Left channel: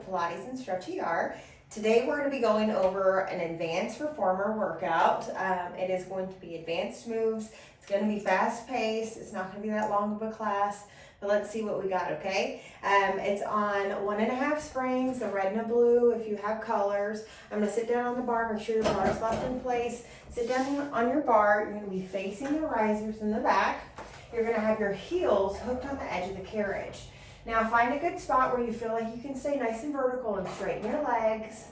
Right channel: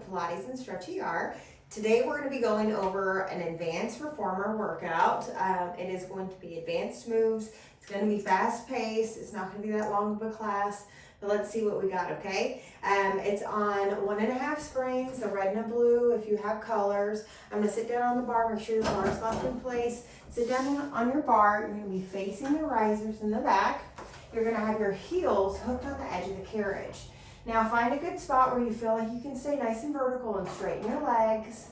with Pilates and Stretchy R. Today we're going to be going over an advanced reformer workout. It is going to be advanced moves. It's going to be fast paced. It's not going to be that long of a class, but let's see what we got, okay? It's on 1.5 springs, the red and the blue if you have colors. I'm going to sit down on the bar, make sure your bar is locked in place. Sit down on your bar. You're going to be facing the risers in the back. You're going to have your heels hooked on the edge of the carriage. Now find a good spot where you feel like you can stay nice and vertical and straighten your legs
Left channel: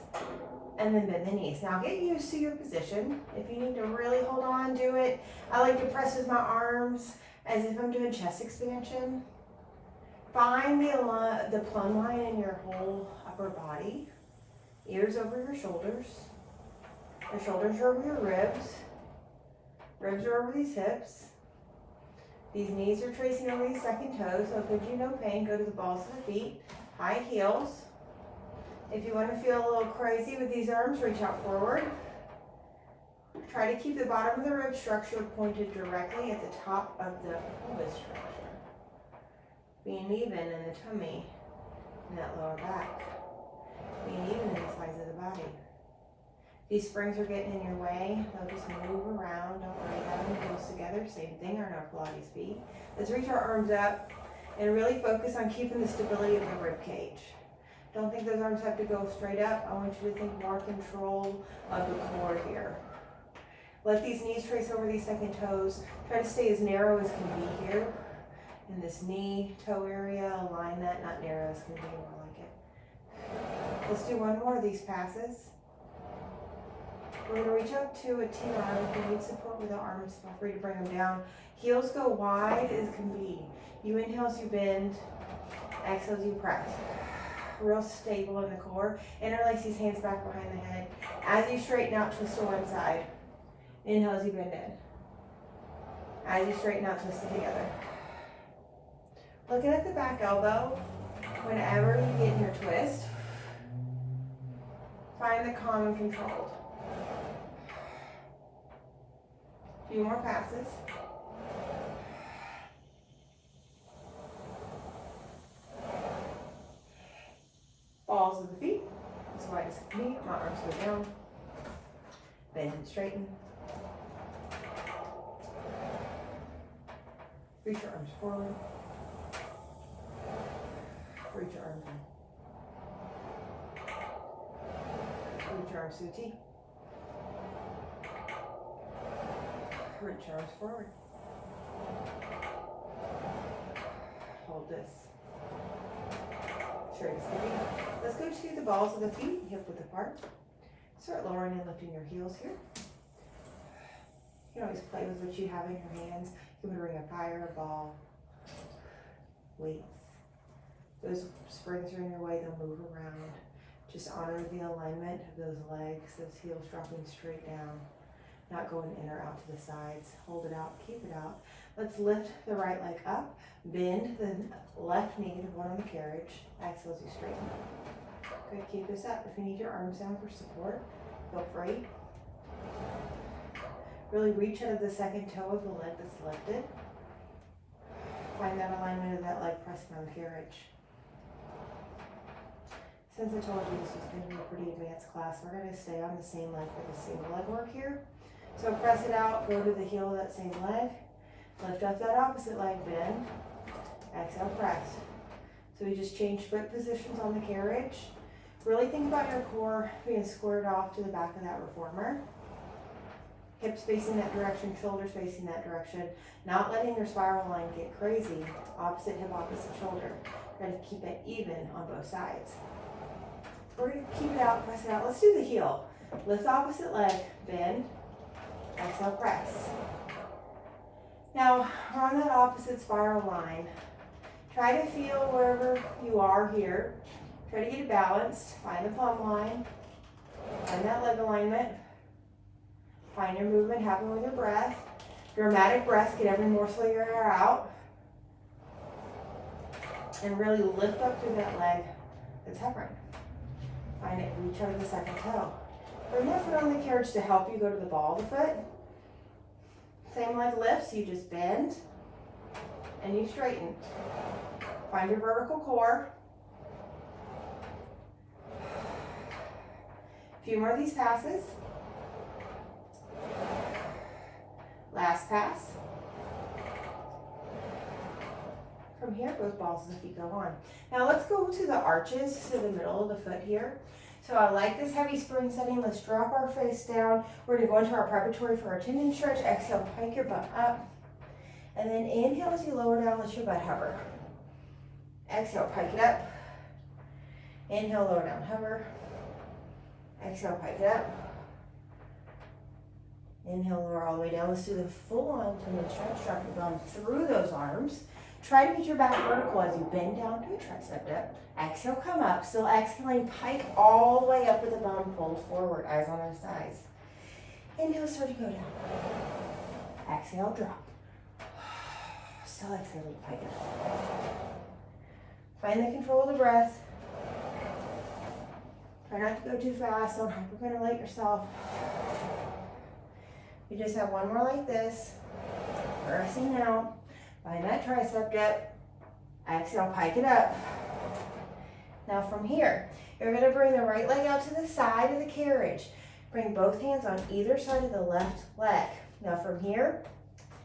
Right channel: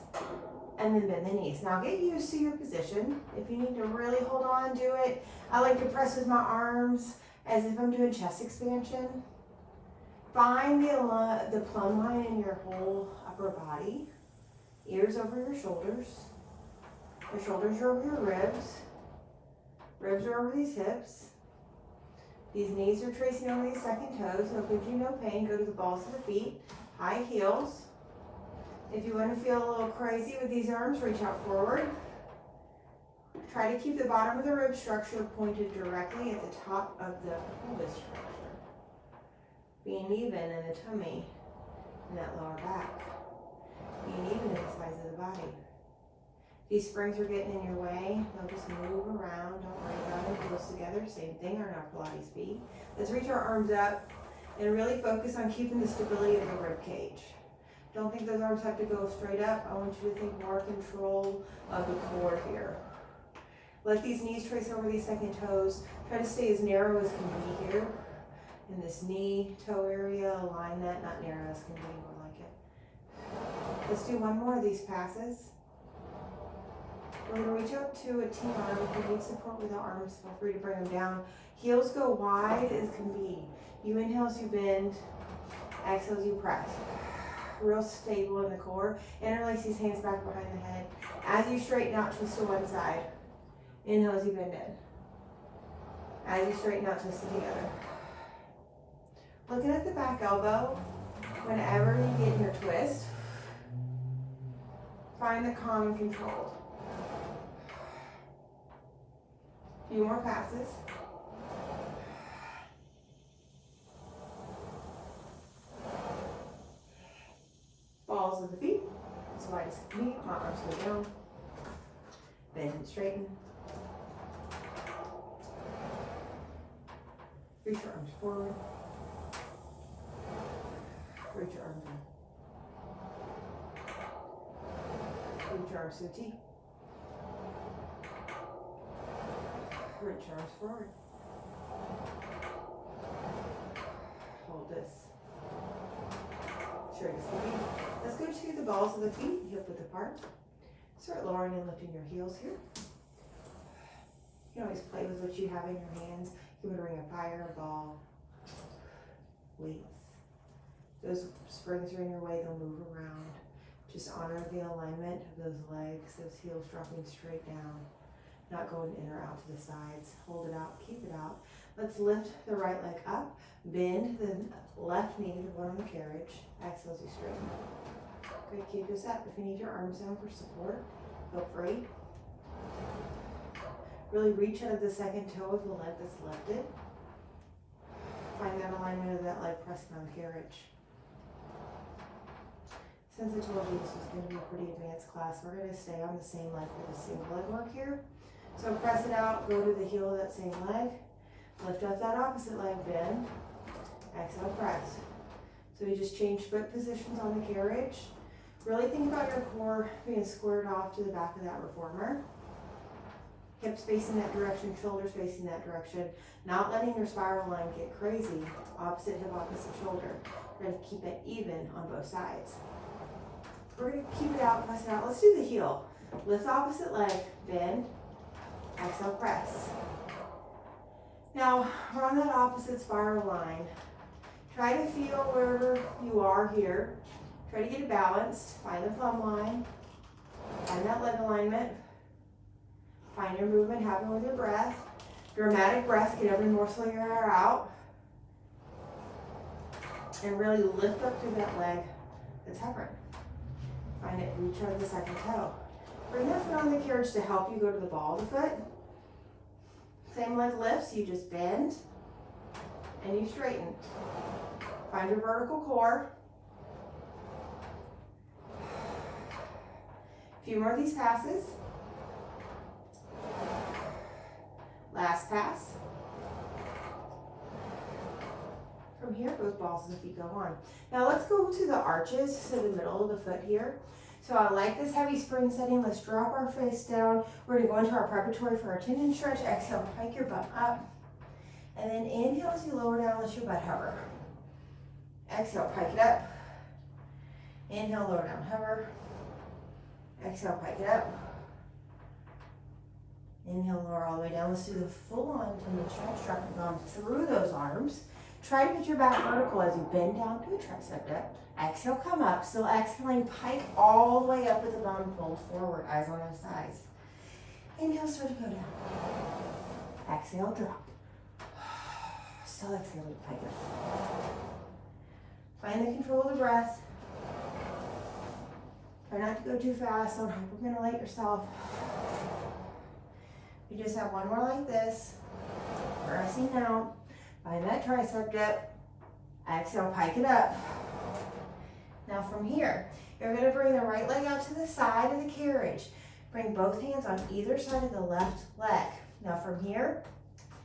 and then bend the knees. Now get used to your position. If you need to really hold on, do it. I like to press with my arms as if I'm doing chest expansion. Find the plumb line in your whole upper body. Ears over your shoulders. Your shoulders are over your ribs. Ribs are over these hips. These knees are tracing over these second toes, so if you no pain, go to the balls of the feet, high heels. If you want to feel a little crazy with these arms, reach out forward. Try to keep the bottom of the rib structure pointed directly at the top of the pelvis structure. Being even in the tummy and that lower back. Being even in the sides of the body. These springs are getting in your way. They'll just move around. Don't worry about them. Heels together. Same thing on our Pilates feet. Let's reach our arms up and really focus on keeping the stability of the rib cage. Don't think those arms have to go straight up. I want you to think more control of the core here. Let these knees trace over these second toes. Try to stay as narrow as can be here. In this knee, toe area, align that, not narrow as can be, more like it. Let's do one more of these passes. We're going to reach up to a T-arm. If you need support with the arms, feel free to bring them down. Heels go wide as can be. You inhale as you bend, exhale as you press. Real stable in the core. Interlace these hands back behind the head. As you straighten out, twist to one side. Inhale as you bend in. As you straighten out, twist it together. Looking at the back elbow, whenever you get in your twist, find the calm and controlled. A few more passes. Balls of the feet, as wide as can be. My arms go down. Bend and straighten. Reach your arms forward. Reach your arms in. Reach your arms to the T. Reach your arms forward. Hold this. Straight as can be. Let's go to the balls of the feet, hip width apart. Start lowering and lifting your heels here. You can always play with what you have in your hands. You can bring a fire, a ball, weights. Those springs are in your way, they'll move around. Just honor the alignment of those legs, those heels dropping straight down. Not going in or out to the sides. Hold it out, keep it out. Let's lift the right leg up, bend the left knee, the one on the carriage. Exhale as you straighten up. Good, keep this up. If you need your arms down for support, feel free. Really reach out of the second toe of the leg that's lifted. Find that alignment of that leg pressing on the carriage. Since I told you this was going to be a pretty advanced class, we're going to stay on the same leg with a single leg work here. So press it out, go to the heel of that same leg, lift up that opposite leg, bend, exhale, press. So we just change foot positions on the carriage. Really think about your core being squared off to the back of that reformer. Hips facing that direction, shoulders facing that direction. Not letting your spiral line get crazy. Opposite hip, opposite shoulder. Try to keep it even on both sides. We're going to keep it out, press it out. Let's do the heel. Lift the opposite leg, bend, exhale, press. Now, we're on that opposite spiral line. Try to feel wherever you are here. Try to get it balanced. Find the plumb line. Find that leg alignment. Find your movement happen with your breath. Dramatic breath, get every morsel of your air out. And really lift up through that leg that's hovering. Find it, reach out of the second toe. Bring that foot on the carriage to help you go to the ball of the foot. Same leg lifts, you just bend and you straighten. Find your vertical core. few more of these passes. Last pass. From here, both balls of the feet go on. Now let's go to the arches, so the middle of the foot here. So I like this heavy spring setting. Let's drop our face down. We're gonna go into our preparatory for our tendon stretch. Exhale, pike your butt up. And then inhale as you lower down, let your butt hover. Exhale, pike it up. Inhale, lower down, hover. Exhale, pike it up. Inhale, lower all the way down. Let's do the full-on tendon stretch. Drop your bum through those arms. Try to get your back vertical as you bend down to a tricep dip. Exhale, come up. Still exhaling, pike all the way up with the bum pulled forward, eyes on those thighs. Inhale, start to go down. Exhale, drop. Still exhaling, pike up. Find the control of the breath. Try not to go too fast. Don't hyperventilate yourself. You just have one more like this. Pressing out. Find that tricep dip. Exhale, pike it up. Now from here, you're gonna bring the right leg out to the side of the carriage. Bring both hands on either side of the left leg. Now from here,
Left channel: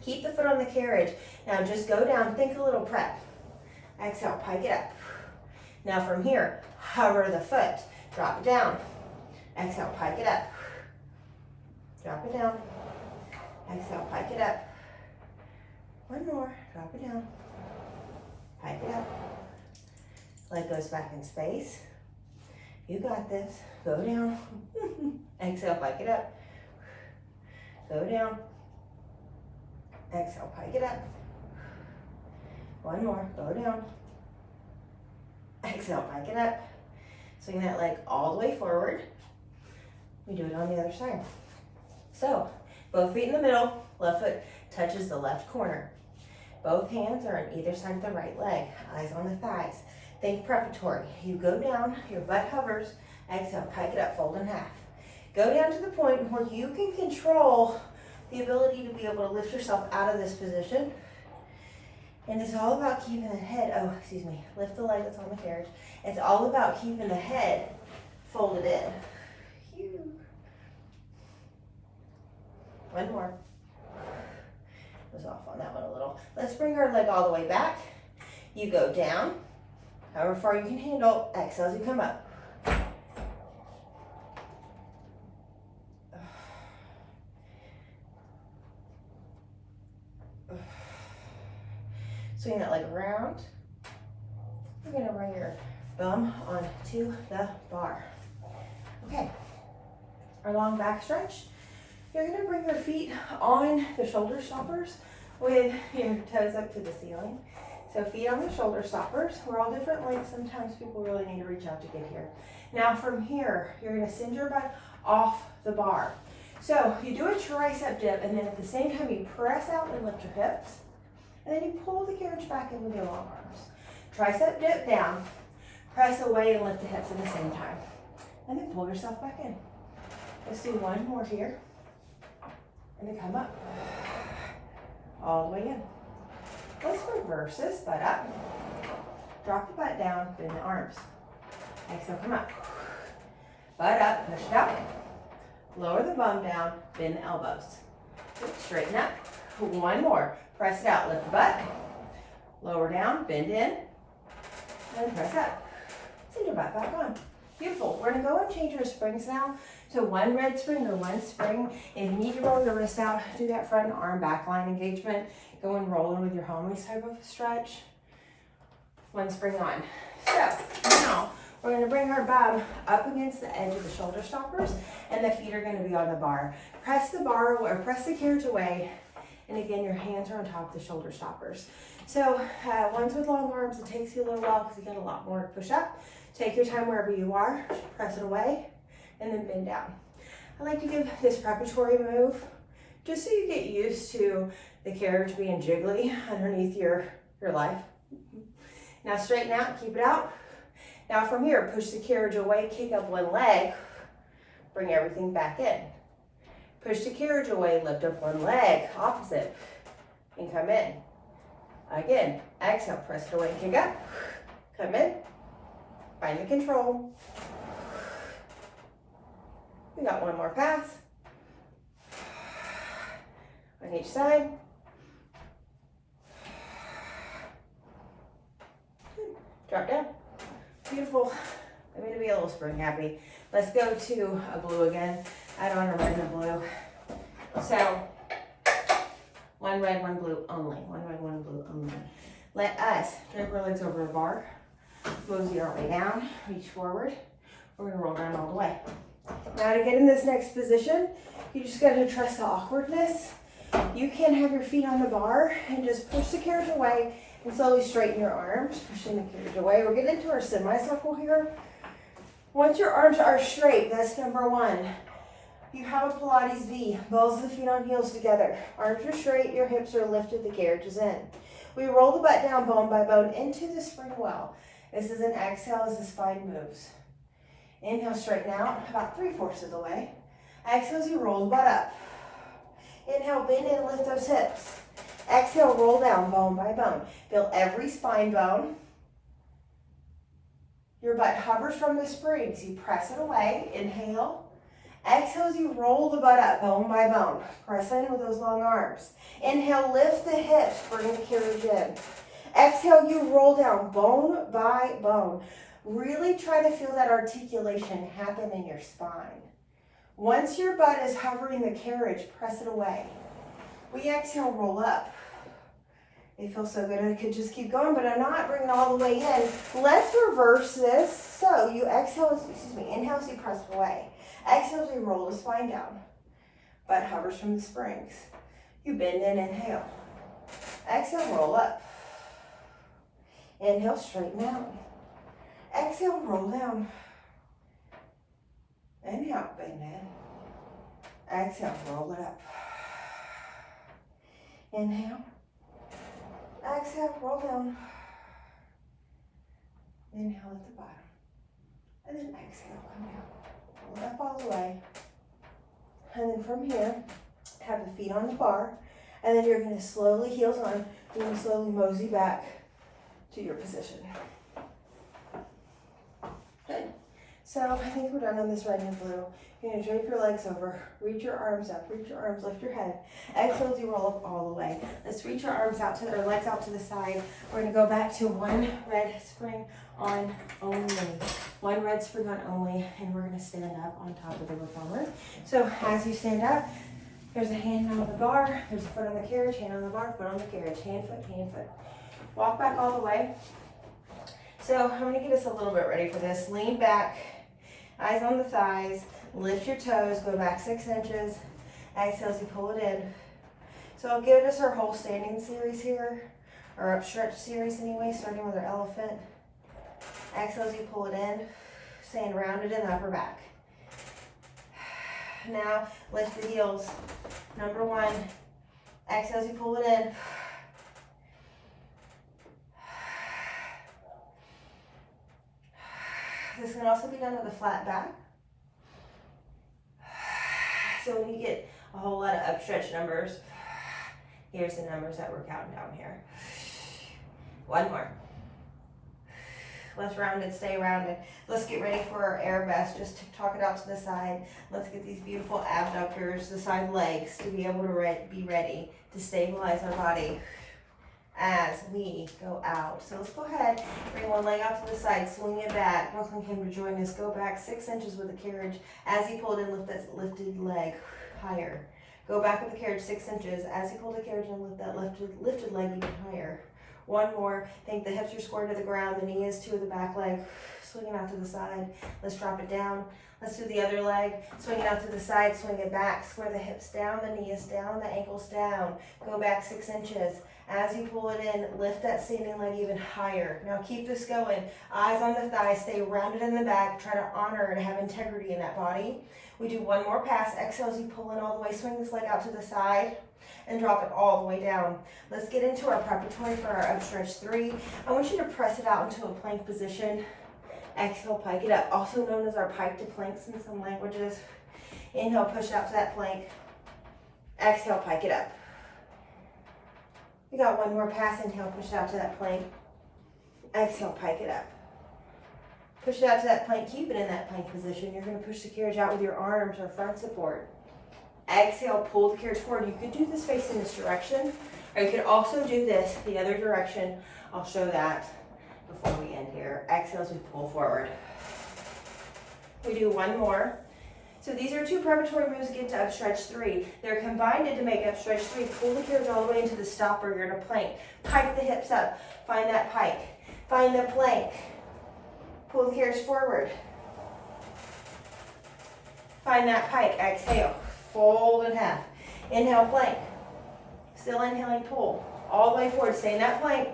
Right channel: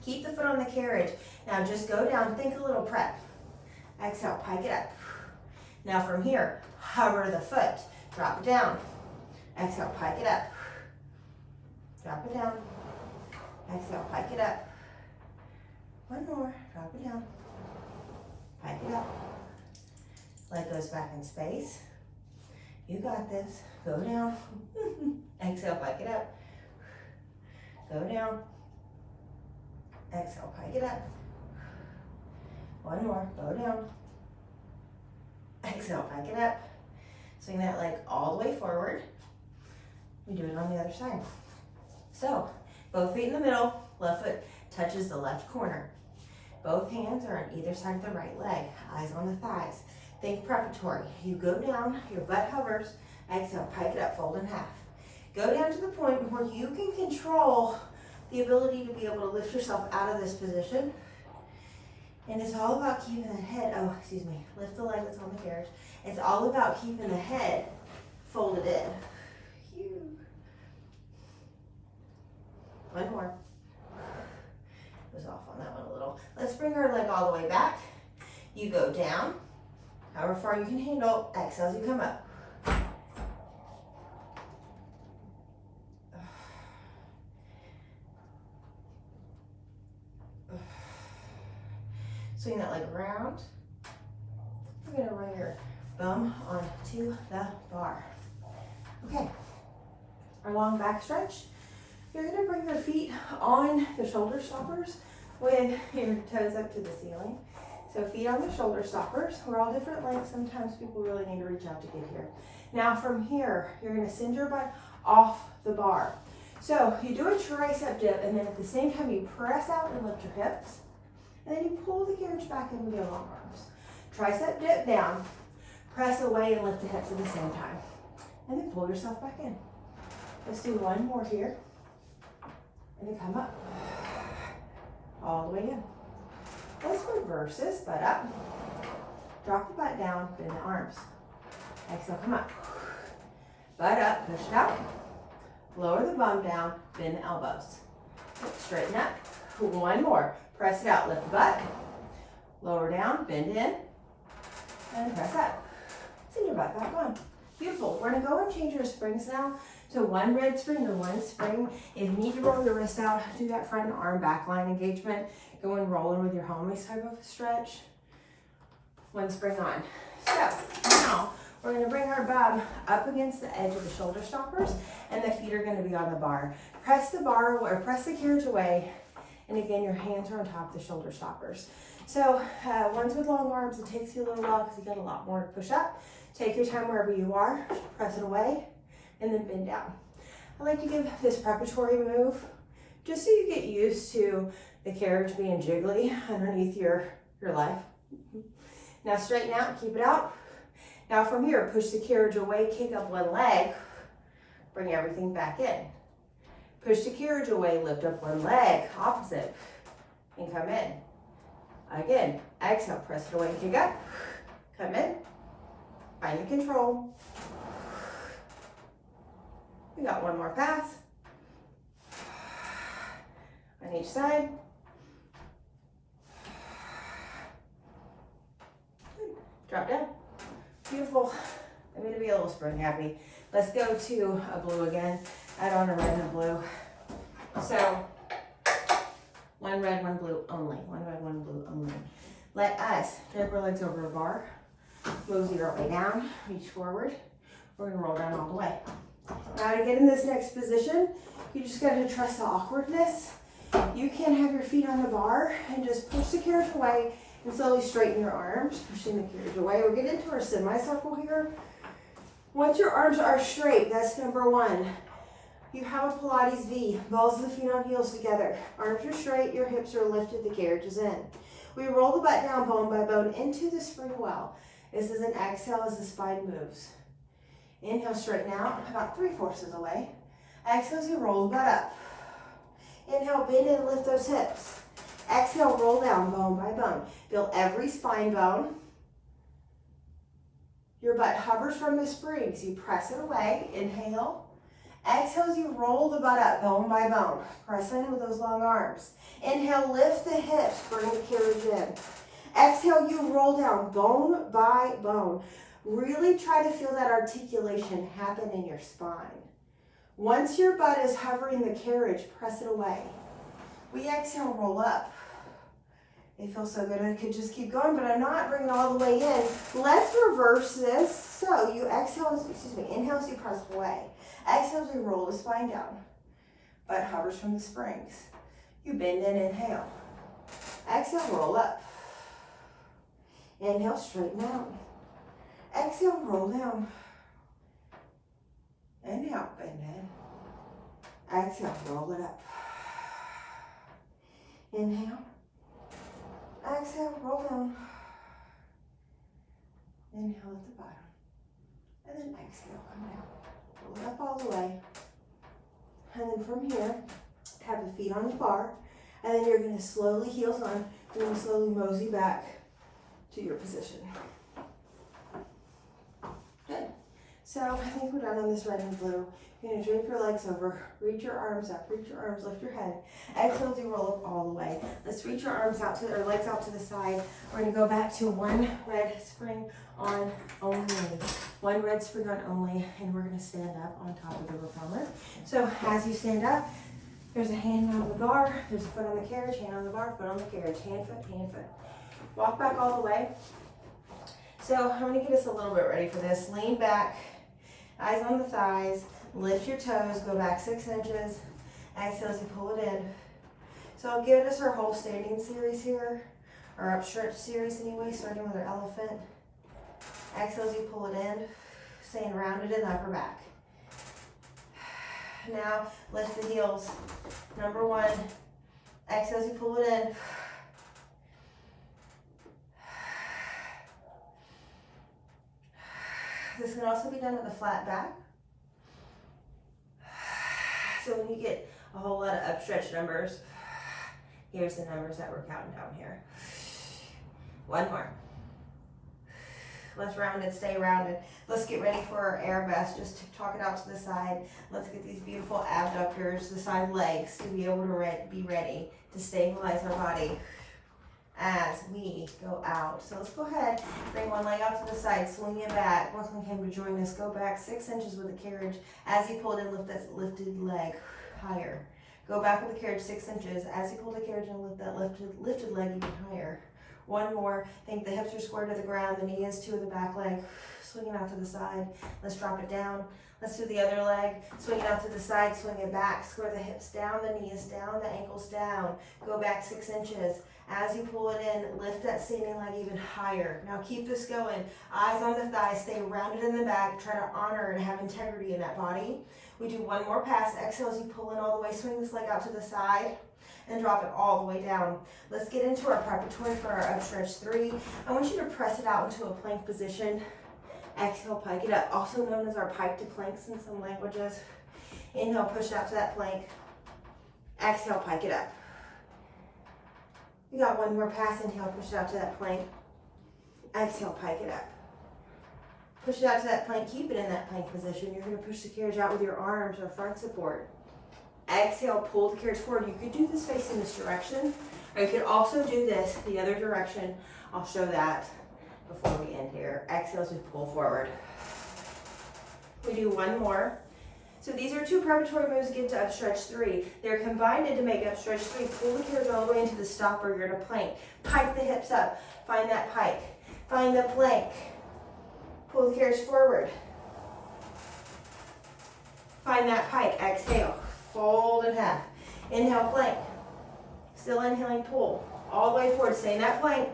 keep the foot on the carriage. Now just go down, think a little prep. Exhale, pike it up. Now from here, hover the foot. Drop it down. Exhale, pike it up. Drop it down. Exhale, pike it up. One more, drop it down. Pike it up. Leg goes back in space. You got this. Go down. Exhale, pike it up. Go down. Exhale, pike it up. One more, go down. Exhale, pike it up. Swing that leg all the way forward. We do it on the other side. So, both feet in the middle, left foot touches the left corner. Both hands are on either side of the right leg, eyes on the thighs. Think preparatory. You go down, your butt hovers, exhale, pike it up, fold in half. Go down to the point where you can control the ability to be able to lift yourself out of this position. And it's all about keeping the head, lift the leg that's on the carriage. It's all about keeping the head folded in. Phew. One more. Was off on that one a little. Let's bring our leg all the way back. You go down, however far you can handle. Exhale as you come up. Swing that leg around. You're gonna bring your bum onto the bar. Okay, our long back stretch. You're gonna bring your feet on the shoulder stoppers with your toes up to the ceiling. So feet on the shoulder stoppers. We're all different lengths. Sometimes people really need to reach out to get here. Now from here, you're gonna send your butt off the bar. So you do a tricep dip, and then at the same time you press out and lift your hips. And then you pull the carriage back in with your long arms. Tricep dip down, press away and lift the hips at the same time. And then pull yourself back in. Let's do one more here. And then come up. All the way in. Let's reverse this, butt up. Drop the butt down, bend the arms. Exhale, come up. Butt up, push it out. Lower the bum down, bend the elbows. Straighten up. One more. Press it out, lift the butt. Lower down, bend in. And press up. Send your butt back on. Beautiful. We're gonna go and change your springs now. So one red spring or one spring. If you need to roll your wrist out, do that front arm back line engagement. Go and roll in with your homies type of stretch. One spring on. So now we're gonna bring our bum up against the edge of the shoulder stoppers, and the feet are gonna be on the bar. Press the bar or press the carriage away. And again, your hands are on top of the shoulder stoppers. So ones with long arms, it takes you a little while because you got a lot more to push up. Take your time wherever you are, press it away, and then bend down. I like to give this preparatory move just so you get used to the carriage being jiggly underneath your life. Now straighten out, keep it out. Now from here, push the carriage away, kick up one leg, bring everything back in. Push the carriage away, lift up one leg, opposite, and come in. Again, exhale, press it away, kick up, come in, find the control. We got one more pass. On each side. Drop down. Beautiful. I'm going to be a little spring happy. Let's go to a blue again. I don't want to run the blue. So, one red, one blue only. One red, one blue only. Let us drape our legs over a bar. Mosey our way down. Reach forward. We're going to roll down all the way. Now to get in this next position, you just got to trust the awkwardness. You can have your feet on the bar and just push the carriage away and slowly straighten your arms, pushing the carriage away. We're getting into our semicircle here. Once your arms are straight, that's number one. You have a Pilates V, balls of the feet on heels together. Arms are straight, your hips are lifted, the carriage is in. We roll the butt down bone by bone into the spring well. This is an exhale as the spine moves. Inhale, straighten out, about 3/4 of the way. Exhale as you roll the butt up. Inhale, bend and lift those hips. Exhale, roll down bone by bone. Feel every spine bone. Your butt hovers from the springs. You press it away. Inhale. Exhale as you roll the butt up bone by bone. Press in with those long arms. Inhale, lift the hips, bring the carriage in. Exhale, you roll down bone by bone. Really try to feel that articulation happen in your spine. Once your butt is hovering the carriage, press it away. We exhale, roll up. It feels so good. I could just keep going, but I'm not bringing it all the way in. Let's reverse this. So you exhale, inhale as you press it away. Exhale as you roll the spine down. Butt hovers from the springs. You bend in, inhale. Exhale, roll up. Inhale, straighten out. Exhale, roll down. Inhale, bend in. Exhale, roll it up. Inhale. Exhale, roll down. Inhale at the bottom. And then exhale, come down. Roll it up all the way. And then from here, have the feet on the bar. And then you're going to slowly, heels on, you're going to slowly mosey back to your position. Good. So I think we're done on this red and blue. You're going to drape your legs over, reach your arms up, reach your arms, lift your head. Exhale as you roll up all the way. Let's reach our arms out to, or legs out to the side. We're going to go back to one red spring on only. One red spring on only, and we're going to stand up on top of the reformer. So as you stand up, there's a hand on the bar, there's a foot on the carriage, hand on the bar, foot on the carriage, hand, foot, hand, foot. Walk back all the way. So I'm going to get us a little bit ready for this. Lean back, eyes on the thighs, lift your toes, go back 6 inches. Exhale as you pull it in. So I'll give us our whole standing series here, or upstretch series anyway, starting with our elephant. Exhale as you pull it in, staying rounded in the upper back. Now lift the heels. Number one, exhale as you pull it in. This can also be done with a flat back. So when you get a whole lot of upstretch numbers, here's the numbers that we're counting down here. One more. Let's round it, stay rounded. Let's get ready for our air vest. Just to talk it out to the side. Let's get these beautiful abductors, the side legs, to be able to be ready to stabilize our body as we go out. So let's go ahead, bring one leg out to the side, swing it back, welcome him to join us. Go back 6 inches with the carriage. As you pull it in, lift that lifted leg higher. Go back with the carriage 6 inches. As you pull the carriage in, lift that lifted leg even higher. One more. Think the hips are square to the ground, the knee is to the back leg. Swing it out to the side. Let's drop it down. Let's do the other leg. Swing it out to the side, swing it back. Square the hips down, the knee is down, the ankle's down. Go back 6 inches. As you pull it in, lift that standing leg even higher. Now keep this going. Eyes on the thighs, stay rounded in the back. Try to honor and have integrity in that body. We do one more pass. Exhale as you pull in all the way. Swing this leg out to the side and drop it all the way down. Let's get into our preparatory for our upstretch 3. I want you to press it out into a plank position. Exhale, pike it up, also known as our pike to planks in some languages. Inhale, push out to that plank. Exhale, pike it up. We got one more pass. Inhale, push out to that plank. Exhale, pike it up. Push it out to that plank, keep it in that plank position. You're gonna push the carriage out with your arms or front support. Exhale, pull the carriage forward. You could do this facing this direction, or you could also do this the other direction. I'll show that before we end here. Exhale as we pull forward. We do one more. So these are two preparatory moves to get to up stretch 3. They're combined to make up stretch 3. Pull the carriage all the way into the stopper. You're in a plank. Pike the hips up. Find that pike. Find the plank. Pull the carriage forward. Find that pike. Exhale. Fold in half. Inhale, plank. Still inhaling, pull. All the way forward. Stay in that plank.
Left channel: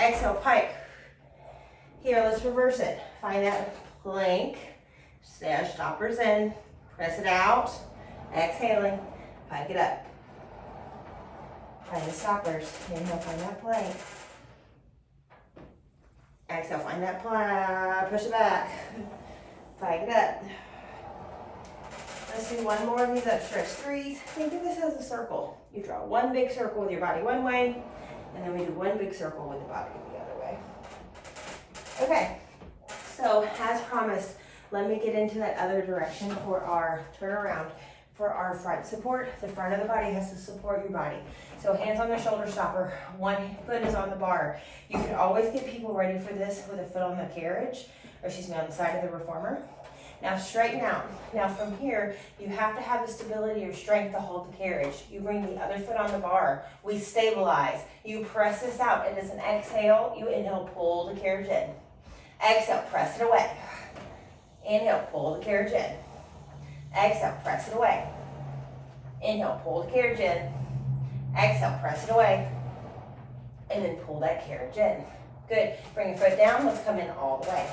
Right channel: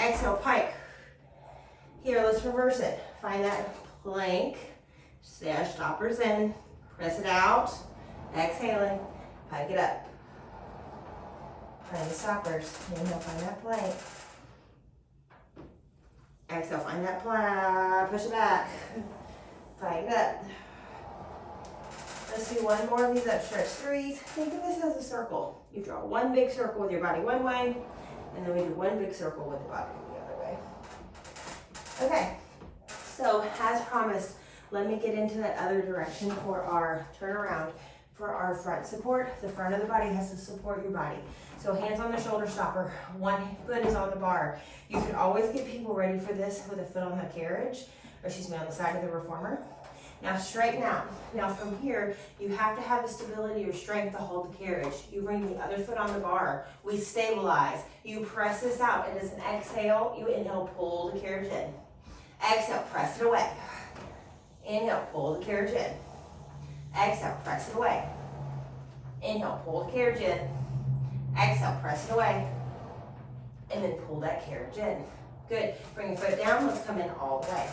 Exhale, pike. Here, let's reverse it. Find that plank. Stay our stoppers in. Press it out. Exhaling. Pike it up. Find the stoppers. Inhale, find that plank. Exhale, find that plank. Push it back. Pike it up. Let's do one more of these up stretch 3s. Think of this as a circle. You draw one big circle with your body one way, and then we do one big circle with the body the other way. Okay, so as promised, let me get into that other direction for our turnaround. For our front support, the front of the body has to support your body. So hands on the shoulder stopper, one foot is on the bar. You can always get people ready for this with a foot on the carriage, or excuse me, on the side of the reformer. Now straighten out. Now from here, you have to have the stability or strength to hold the carriage. You bring the other foot on the bar. We stabilize. You press this out. It is an exhale. You inhale, pull the carriage in. Exhale, press it away. Inhale, pull the carriage in. Exhale, press it away. Inhale, pull the carriage in. Exhale, press it away. And then pull that carriage in. Good. Bring your foot down. Let's come in all the way.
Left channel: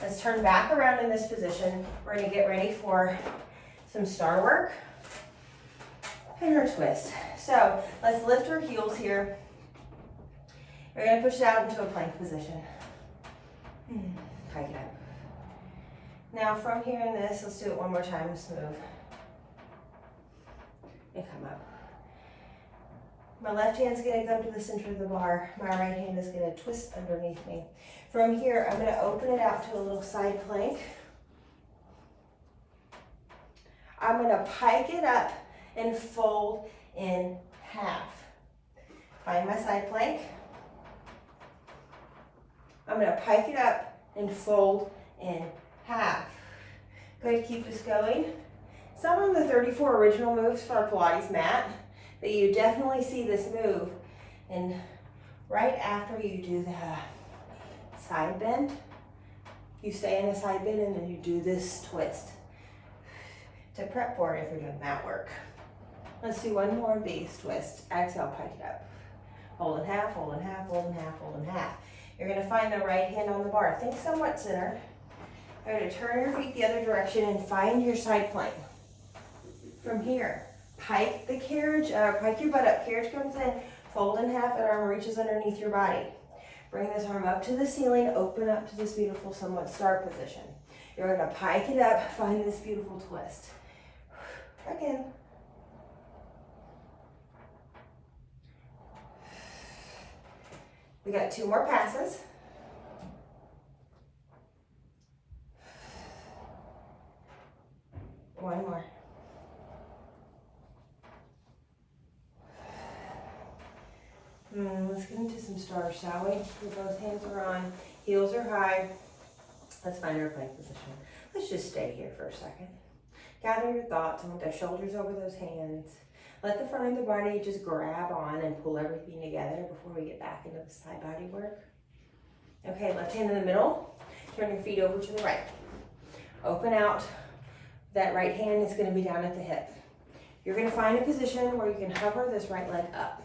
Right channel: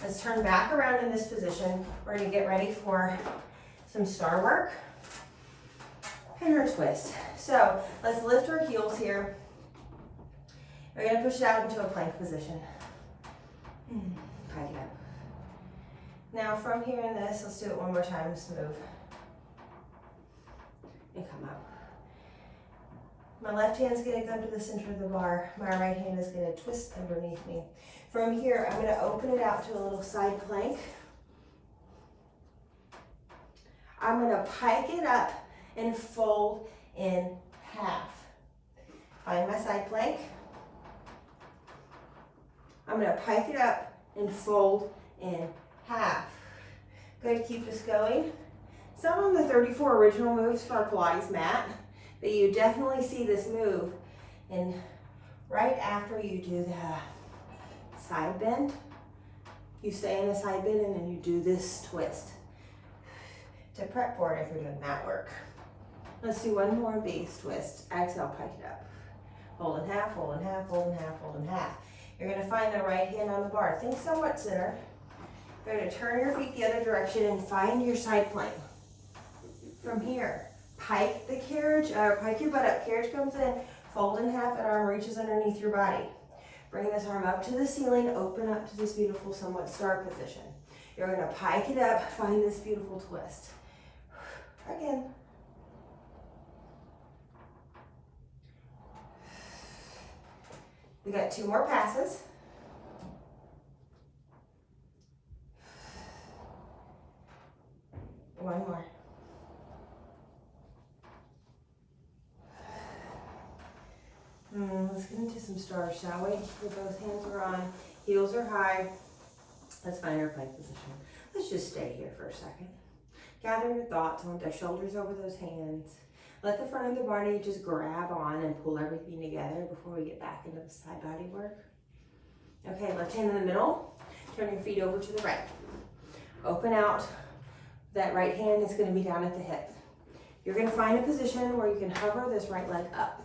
Let's turn back around in this position. We're going to get ready for some star work and our twist. So let's lift our heels here. We're going to push it out into a plank position. Pike it up. Now from here in this, let's do it one more time, smooth. And come up. My left hand's going to come to the center of the bar. My right hand is going to twist underneath me. From here, I'm going to open it out to a little side plank. I'm going to pike it up and fold in half. Find my side plank. I'm going to pike it up and fold in half. Good, keep this going. Some of the 34 original moves for our Pilates mat, but you definitely see this move. And right after you do the side bend, you stay in the side bend and then you do this twist to prep for it if you're doing mat work. Let's do one more of these twists. Exhale, pike it up. Hold in half, hold in half, hold in half, hold in half. You're going to find the right hand on the bar. Think somewhat center. You're going to turn your feet the other direction and find your side plank. From here, pike the carriage, pike your butt up. Carriage comes in, fold in half, and arm reaches underneath your body. Bring this arm up to the ceiling, open up to this beautiful somewhat star position. You're going to pike it up, find this beautiful twist. Again. We got 2 more passes. One more. Let's get into some stars, shall we? With both hands are on, heels are high. Let's find our plank position. Let's just stay here for a second. Gather your thoughts and with the shoulders over those hands. Let the front of the body just grab on and pull everything together before we get back into the side body work. Okay, left hand in the middle. Turn your feet over to the right. Open out. That right hand is going to be down at the hip. You're going to find a position where you can hover this right leg up.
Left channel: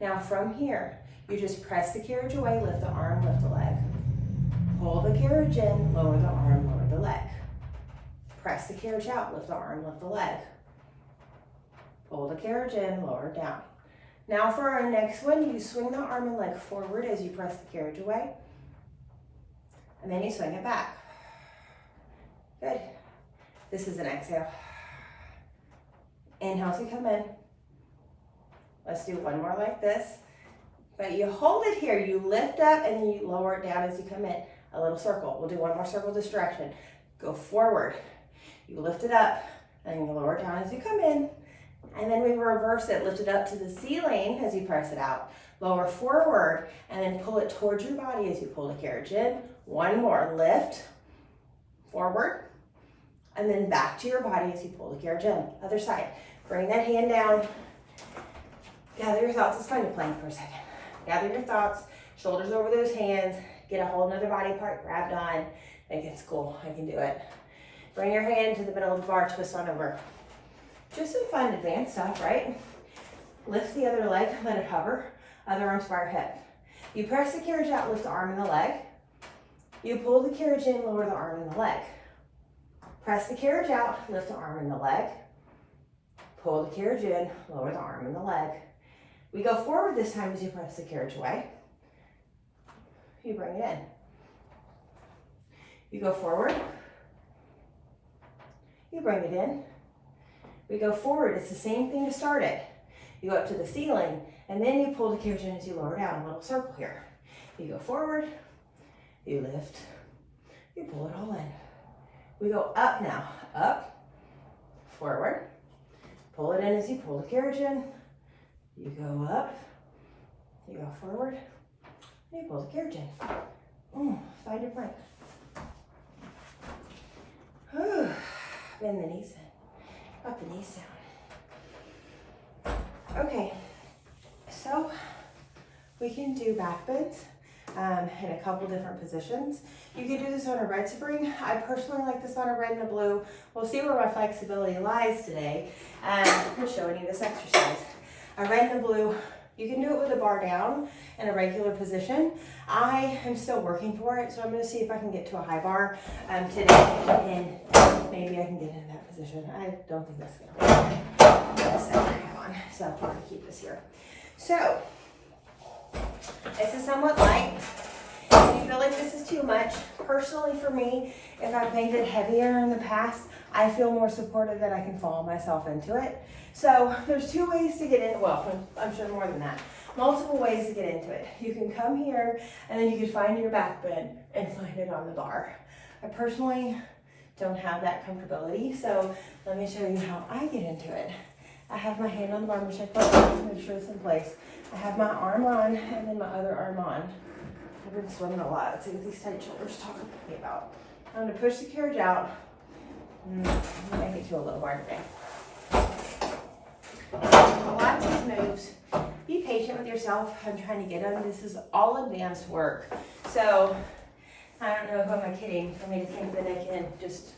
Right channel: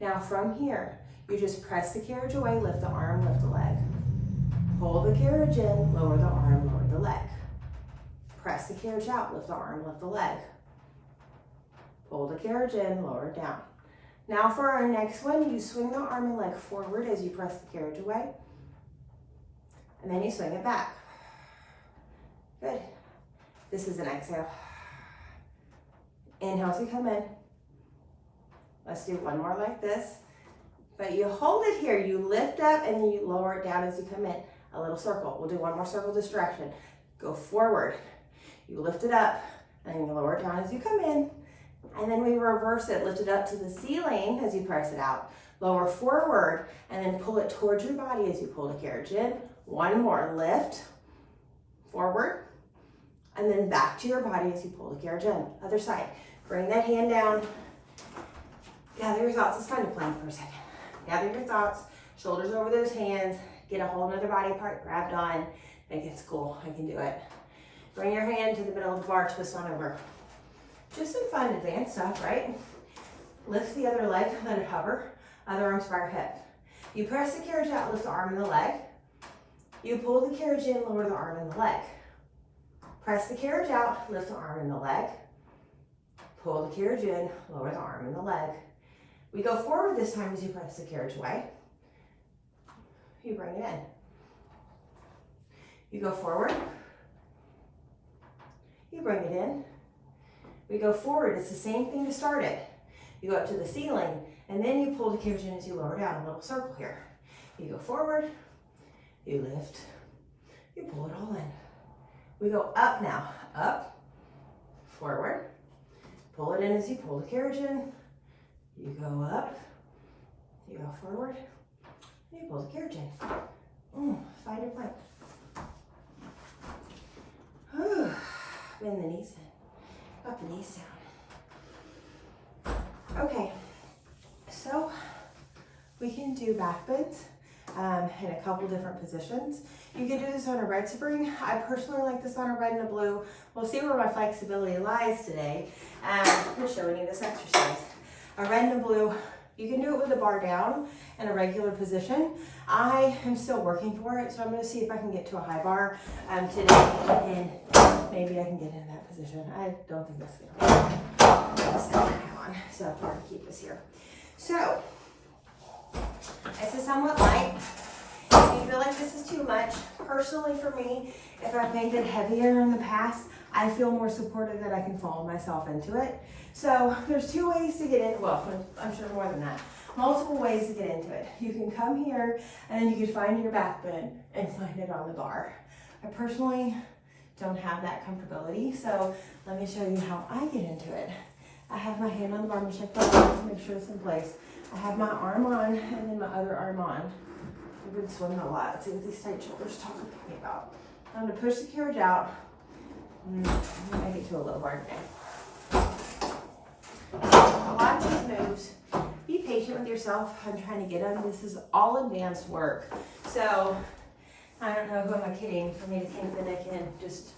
Now from here, you just press the carriage away, lift the arm, lift the leg. Pull the carriage in, lower the arm, lower the leg. Press the carriage out, lift the arm, lift the leg. Pull the carriage in, lower it down. Now for our next one, you swing the arm and leg forward as you press the carriage away. And then you swing it back. Good. This is an exhale. Inhale as you come in. Let's do one more like this. But you hold it here, you lift up and then you lower it down as you come in. a little circle. We'll do one more circle this direction. Go forward. You lift it up and you lower it down as you come in. And then we reverse it, lift it up to the ceiling as you press it out. Lower forward and then pull it towards your body as you pull the carriage in. One more, lift, forward, and then back to your body as you pull the carriage in. Other side, bring that hand down. Gather your thoughts, it's fine to plank for a second. Gather your thoughts, shoulders over those hands, get a whole nother body part grabbed on. Think it's cool, I can do it. Bring your hand to the middle of the bar, twist on over. Just some fun advanced stuff, right? Lift the other leg, let it hover. Other arms by your hip. You press the carriage out, lift the arm and the leg. You pull the carriage in, lower the arm and the leg. Press the carriage out, lift the arm and the leg. Pull the carriage in, lower the arm and the leg. We go forward this time as you press the carriage away. You bring it in. You go forward. You bring it in. We go forward, it's the same thing to start it. You go up to the ceiling, and then you pull the carriage in as you lower down, a little circle here. You go forward, you lift, you pull it all in. We go up now, up, forward, pull it in as you pull the carriage in. You go up, you go forward, and you pull the carriage in. Find your plank. Bend the knees in, up the knees down. Okay. So we can do back bends in a couple different positions. You can do this on a red spring. I personally like this on a red and a blue. We'll see where my flexibility lies today. I'm showing you this exercise. A red and a blue, you can do it with a bar down in a regular position. I am still working for it, so I'm gonna see if I can get to a high bar today, and maybe I can get into that position. I don't think that's gonna work. So I'm going to keep this here. So, this is somewhat light. If you feel like this is too much, personally for me, if I've made it heavier in the past, I feel more supported that I can follow myself into it. So there's two ways to get in, well, I'm sure more than that. Multiple ways to get into it. You can come here and then you can find your back bend and find it on the bar. I personally don't have that comfortability, so let me show you how I get into it. I have my hand on the bar, I'm gonna check my arm, make sure it's in place. I have my arm on and then my other arm on. I've been swimming a lot. Let's see what these tight shoulders talking to me about. I'm gonna push the carriage out. I might get to a little bar today. A lot of these moves, be patient with yourself. I'm trying to get them. This is all advanced work. So I don't know who am I kidding for me to think that I can just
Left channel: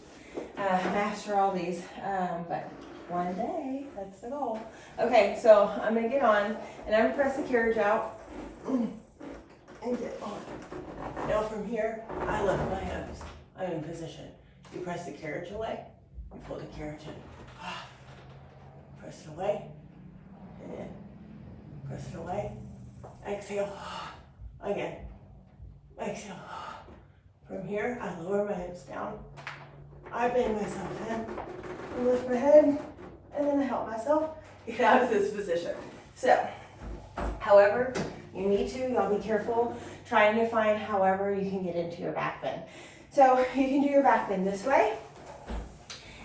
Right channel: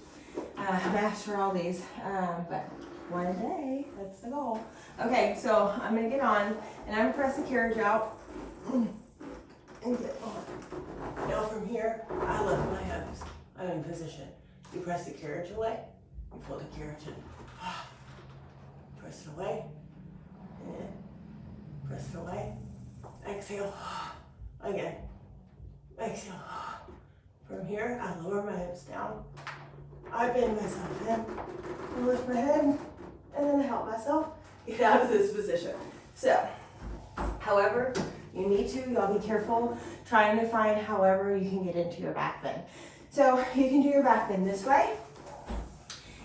master all these, but one day, that's the goal. Okay, so I'm gonna get on and I'm gonna press the carriage out and get on. Now from here, I lift my hands. I'm in position. You press the carriage away, you pull the carriage in. Press it away, and in. Press it away, exhale, again, exhale. From here, I lower my hips down. I bend myself in, lift my head, and then I help myself get out of this position. So, however you need to, y'all be careful trying to find however you can get into your back bend. So you can do your back bend this way,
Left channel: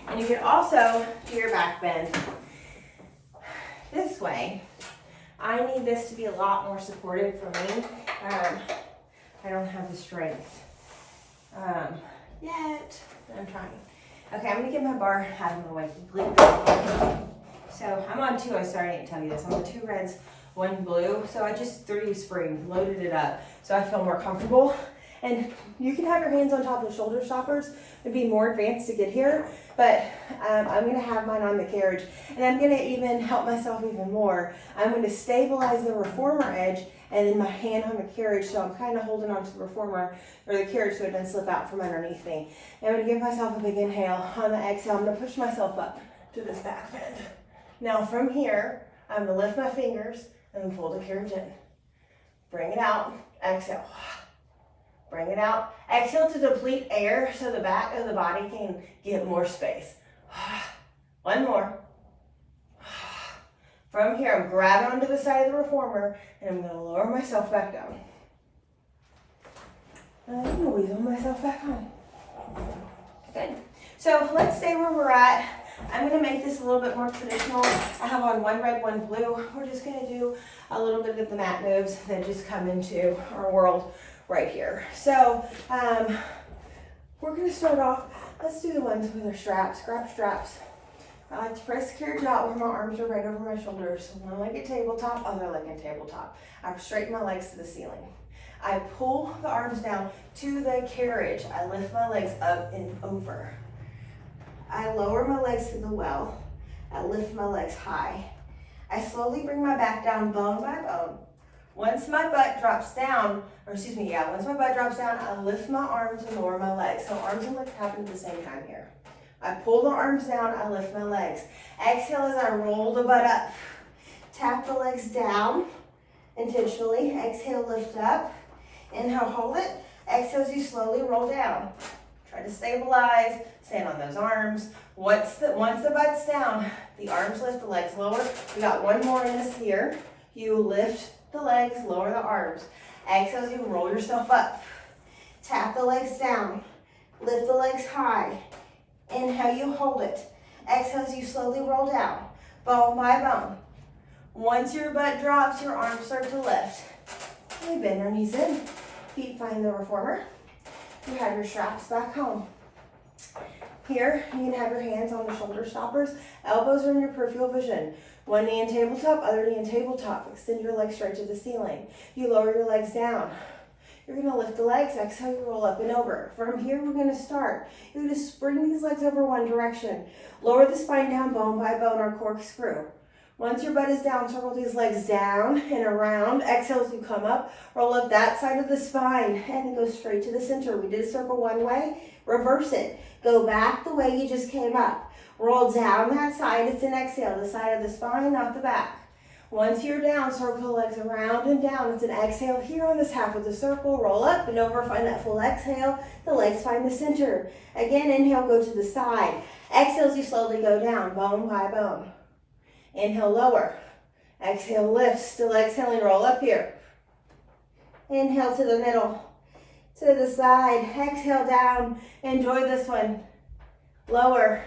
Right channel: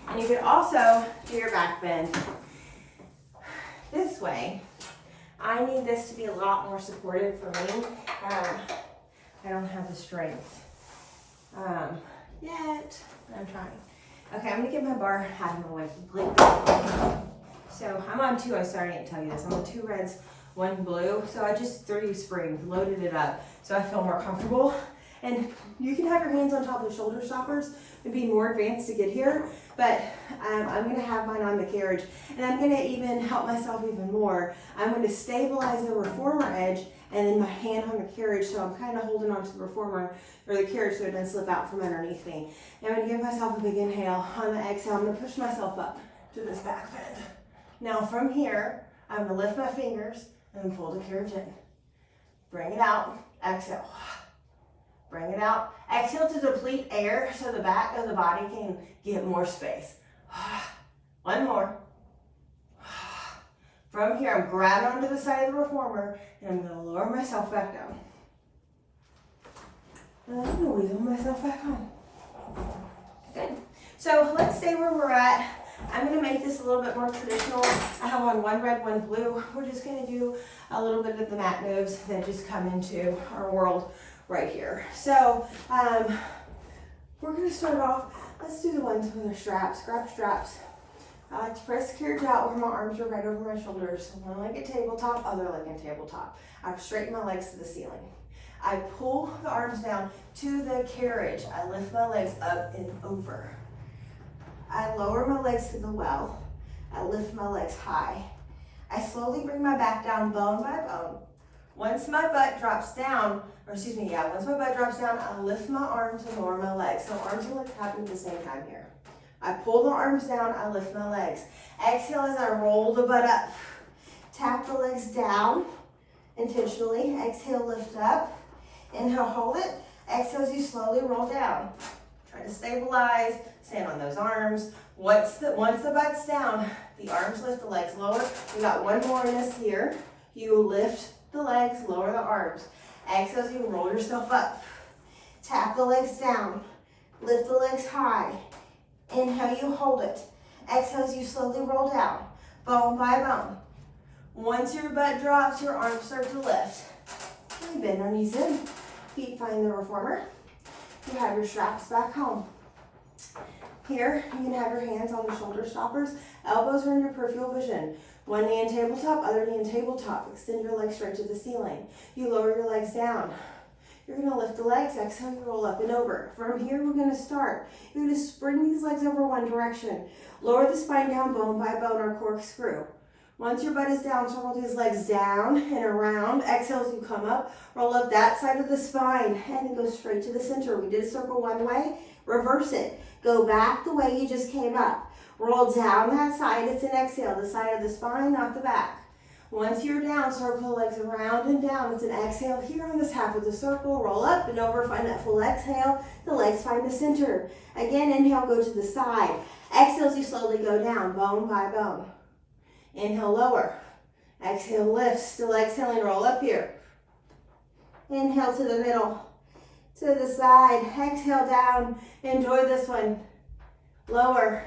and you can also do your back bend this way. I need this to be a lot more supportive for me. I don't have the strength yet. I'm trying. Okay, I'm gonna get my bar out of my way completely. So I'm on two, I didn't tell you this. I'm on 2 reds, 1 blue. So I just 3 springs, loaded it up so I feel more comfortable. And you can have your hands on top of the shoulder stoppers. It'd be more advanced to get here, but I'm gonna have mine on the carriage, and I'm gonna even help myself even more. I'm gonna stabilize the reformer edge and then my hand on the carriage, so I'm kind of holding onto the reformer or the carriage so it doesn't slip out from underneath me. And I'm gonna give myself a big inhale. On the exhale, I'm gonna push myself up to this back bend. Now from here, I'm gonna lift my fingers and then pull the carriage in. Bring it out, exhale. Bring it out. Exhale to deplete air so the back of the body can get more space. 1 more. From here, I'm grabbing onto the side of the reformer and I'm gonna lower myself back down. I'm gonna weasel myself back on. Good. So let's stay where we're at. I'm gonna make this a little bit more traditional. I have on one red, one blue. We're just gonna do a little bit of the mat moves that just come into our world right here. So we're gonna start off, let's do the ones with our straps. Grab straps. I like to press secure dot where my arms are right over my shoulders. One leg at tabletop, other leg at tabletop. I straighten my legs to the ceiling. I pull the arms down to the carriage. I lift my legs up and over. I lower my legs to the well. I lift my legs high. I slowly bring my back down bone by bone. Once my butt drops down, once my butt drops down, I lift my arms and lower my legs. So arms and legs happen at the same time here. I pull the arms down, I lift my legs. Exhale as I roll the butt up. Tap the legs down intentionally. Exhale, lift up. Inhale, hold it. Exhale as you slowly roll down. Try to stabilize, stand on those arms. Once the butt's down, the arms lift, the legs lower. We got one more in this here. You lift the legs, lower the arms. Exhale as you roll yourself up. Tap the legs down. Lift the legs high. Inhale, you hold it. Exhale as you slowly roll down, bone by bone. Once your butt drops, your arms start to lift. We bend our knees in. Feet find the reformer. You have your straps back home. Here, you can have your hands on the shoulder stoppers. Elbows are in your peripheral vision. One knee in tabletop, other knee in tabletop. Extend your legs straight to the ceiling. You lower your legs down. You're gonna lift the legs, exhale, you roll up and over. From here, we're gonna start. You're gonna spring these legs over one direction. Lower the spine down, bone by bone, or corkscrew. Once your butt is down, circle these legs down and around. Exhale as you come up, roll up that side of the spine, and then go straight to the center. We did a circle one way, reverse it. Go back the way you just came up. Roll down that side, it's an exhale, the side of the spine, not the back. Once you're down, circle the legs around and down. It's an exhale here on this half of the circle. Roll up and over, find that full exhale. The legs find the center. Again, inhale, go to the side. Exhale as you slowly go down, bone by bone. Inhale, lower. Exhale, lift. Still exhaling, roll up here. Inhale to the middle, to the side. Exhale down. Enjoy this one. Lower,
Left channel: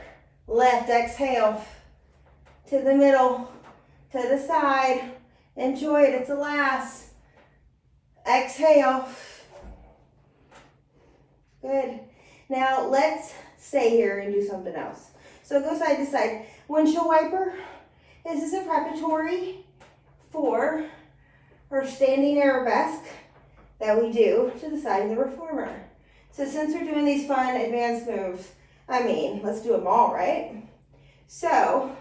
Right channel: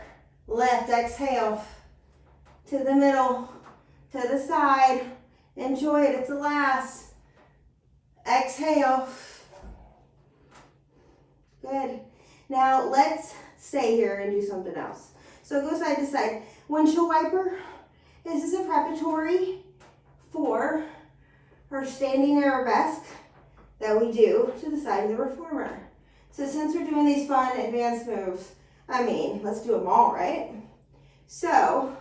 lift, exhale. To the middle, to the side. Enjoy it, it's the last. Exhale. Good. Now let's stay here and do something else. So go side to side. Windshield wiper. This is a preparatory for our standing arabesque that we do to the side of the reformer. So since we're doing these fun advanced moves, let's do them all, right? So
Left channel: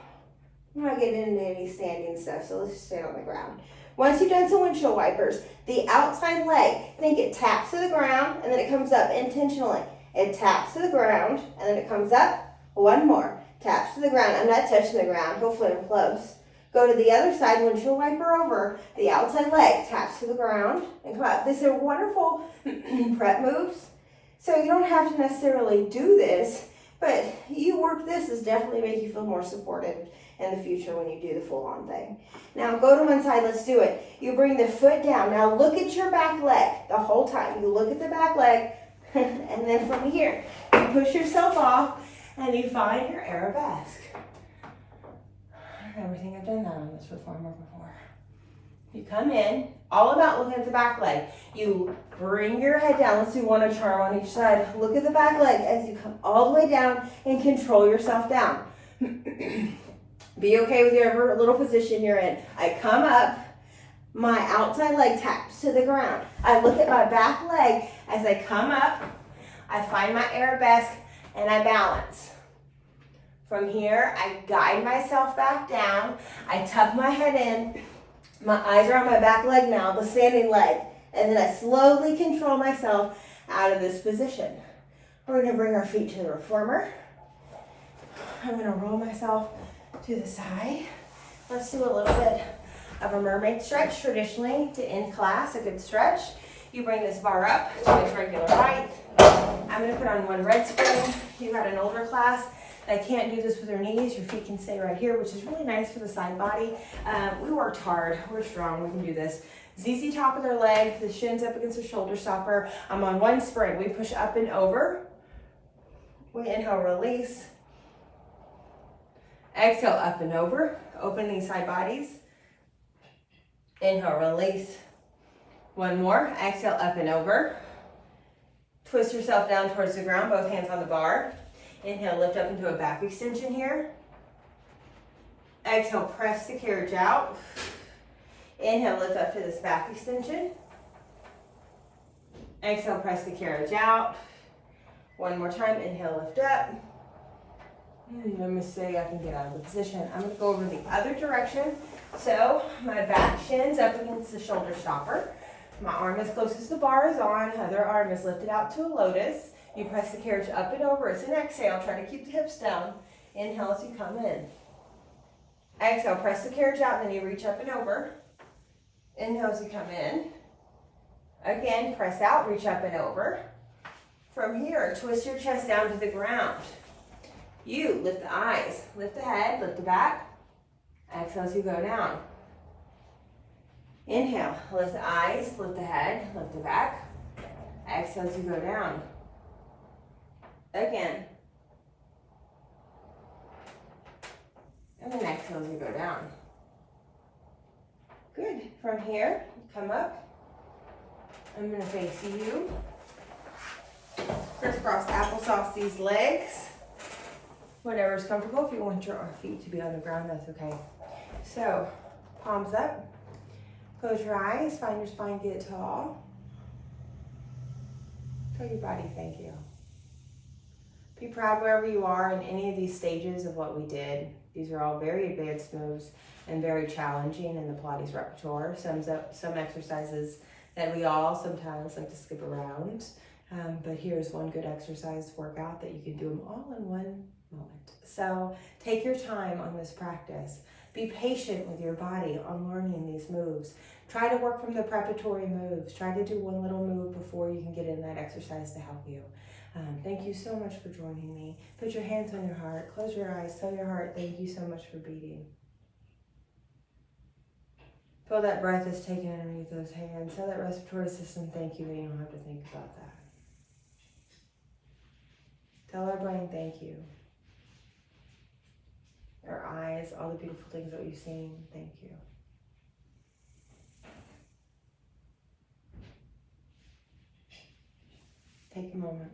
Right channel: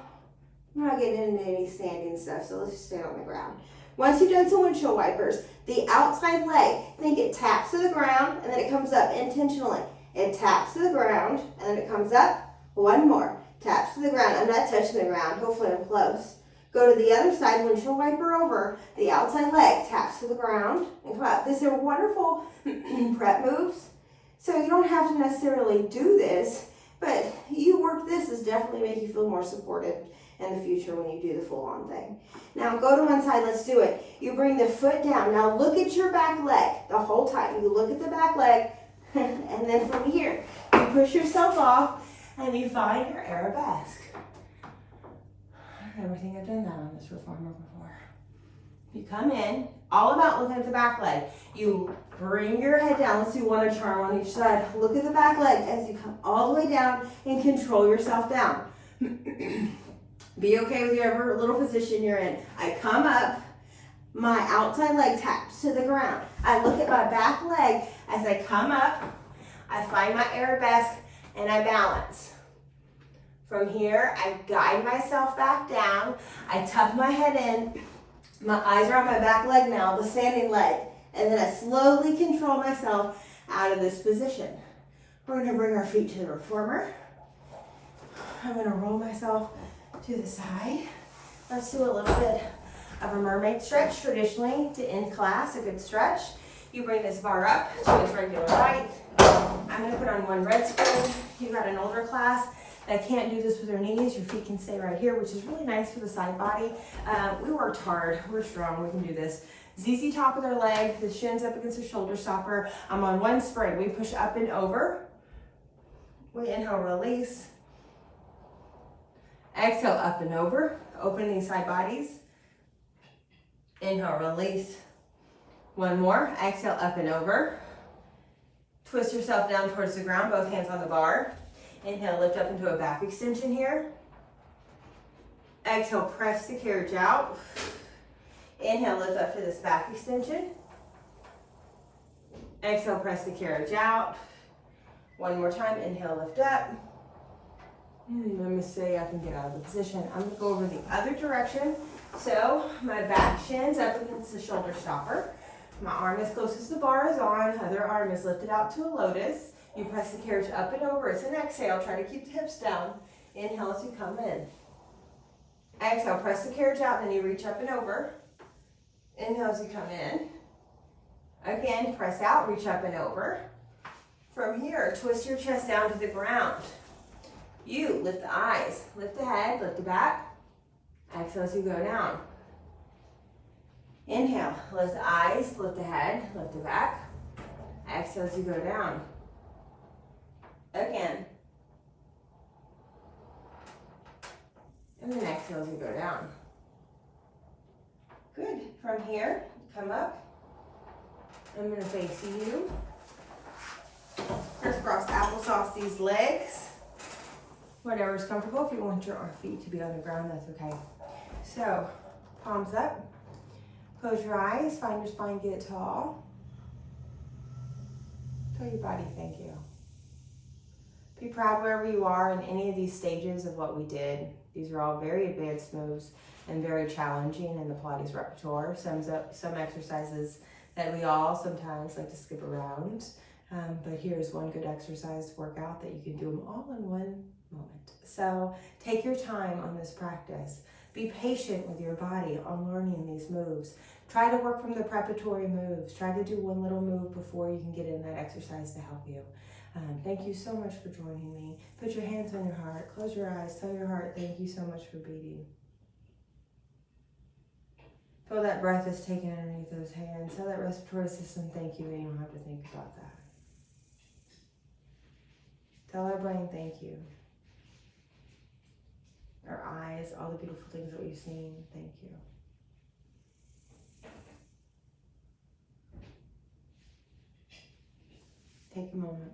I'm not getting into any standing stuff, so let's just stand on the ground. Once you've done some windshield wipers, the outside leg, think it taps to the ground and then it comes up intentionally. It taps to the ground and then it comes up. One more. Taps to the ground. I'm not touching the ground. Hopefully I'm close. Go to the other side, windshield wiper over. The outside leg taps to the ground and come up. These are wonderful prep moves. So you don't have to necessarily do this, but you work this is definitely make you feel more supported in the future when you do the full-on thing. Now go to one side, let's do it. You bring the foot down. Now look at your back leg the whole time. You look at the back leg, and then from here, you push yourself off, and you find your arabesque. I never think I've done that on this reformer before. You come in, all about looking at the back leg. You bring your head down. Let's do one charm on each side. Look at the back leg as you come all the way down and control yourself down. Be okay with your little position you're in. I come up, my outside leg taps to the ground. I look at my back leg as I come up. I find my arabesque and I balance. From here, I guide myself back down. I tuck my head in. My eyes are on my back leg now, the standing leg. And then I slowly control myself out of this position. We're gonna bring our feet to the reformer. I'm gonna roll myself to the side. Let's do a little bit of a mermaid stretch. Traditionally, to end class, a good stretch. You bring this bar up to its regular height. I'm gonna put on one red screen. You've got an older class that can't do this with their knees. Your feet can stay right here, which is really nice for the side body. We worked hard, we're strong, we can do this. ZZ top of their leg, the shins up against the shoulder stopper. I'm on one spring. We push up and over. We inhale, release. Exhale, up and over. Opening side bodies. Inhale, release. One more. Exhale, up and over. Twist yourself down towards the ground, both hands on the bar. Inhale, lift up into a back extension here. Exhale, press the carriage out. Inhale, lift up to this back extension. Exhale, press the carriage out. One more time, inhale, lift up. I'm gonna stay up and get out of the position. I'm gonna go over the other direction. So my back shin's up against the shoulder stopper. My arm as close as the bar is on, other arm is lifted out to a lotus. You press the carriage up and over. It's an exhale. Try to keep the hips down. Inhale as you come in. Exhale, press the carriage out, then you reach up and over. Inhale as you come in. Again, press out, reach up and over. From here, twist your chest down to the ground. You lift the eyes, lift the head, lift the back. Exhale as you go down. Inhale, lift the eyes, lift the head, lift the back. Exhale as you go down. Again. And then exhale as you go down. Good. From here, come up. I'm going to face you. Crisscross applesauce these legs. Whatever's comfortable. If you want your feet to be on the ground, that's okay. So, palms up. Close your eyes. Find your spine get tall. Tell your body thank you. Be proud wherever you are in any of these stages of what we did. These are all very advanced moves and very challenging in the Pilates repertoire. Some exercises that we all sometimes like to skip around. But here's one good exercise workout that you can do them all in one moment. So take your time on this practice. Be patient with your body on learning these moves. Try to work from the preparatory moves. Try to do one little move before you can get in that exercise to help you. Thank you so much for joining me. Put your hands on your heart. Close your eyes. Tell your heart, thank you so much for beating. Feel that breath is taken underneath those hands. Tell that respiratory system, thank you, and you don't have to think about that. Tell our brain, thank you. Our eyes, all the beautiful things that we've seen, thank you. Take a moment.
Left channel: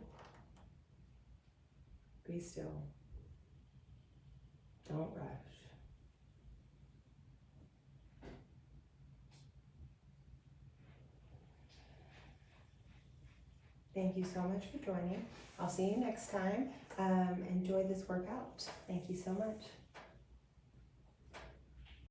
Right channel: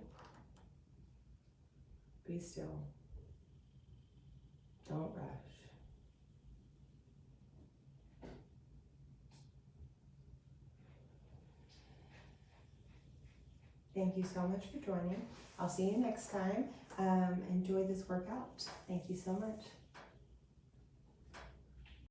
Be still. Don't rush. Thank you so much for joining. I'll see you next time. Enjoy this workout. Thank you so much.